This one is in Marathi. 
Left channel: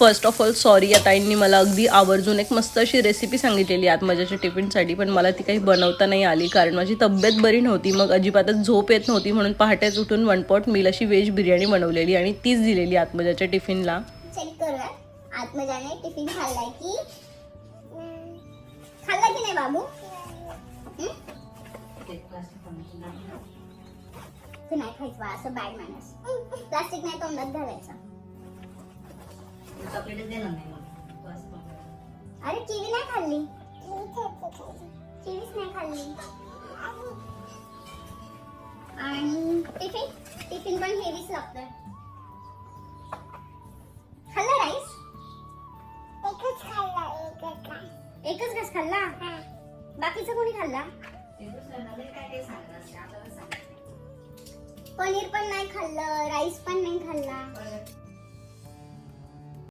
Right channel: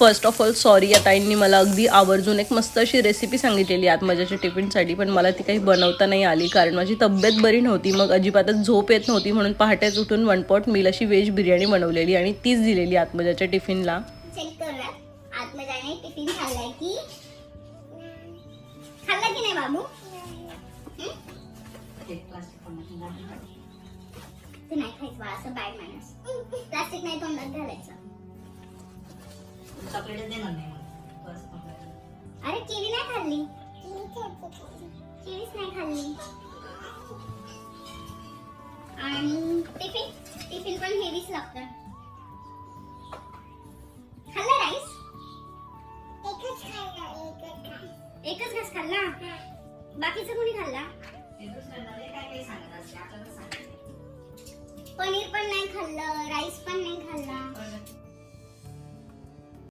फर्स्ट ऑफ ऑल सॉरी या ताईंनी मला अगदी आवर्जून एक मस्त अशी रेसिपी सांगितलेली आत्मजाच्या टिफिनसाठी पण मला ती काही बनवता नाही आली कारण माझी तब्येत बरी नव्हती. मग अजिबातच झोप येत नव्हती म्हणून पहाटेच उठून वन पॉट मील अशी व्हेज बिर्याणी बनवलेली आणि तीच दिलेली आत्मजाच्या टिफिनला चेक आत्मजाने टिफिन की खाल्ला की नाही बाबू? नाही खायचं असं बॅड मॅनर्स प्लास्टिक नाही तोंडात घालायचं. चॉकलेट देणार नाही मला बस अरे किवी नाही खाल्ली? किवीच नाही खाल्ली. आणि टिफिन? टिफिन पण हेवीच लागतं खाल्ला राईस एकच खाल्ला एकच घास खाल्ला? बाकीचा कोणी खाल्ला? काय काय सांगणार आपल्याला सांग पनीर पण नाही खाल्लं राईस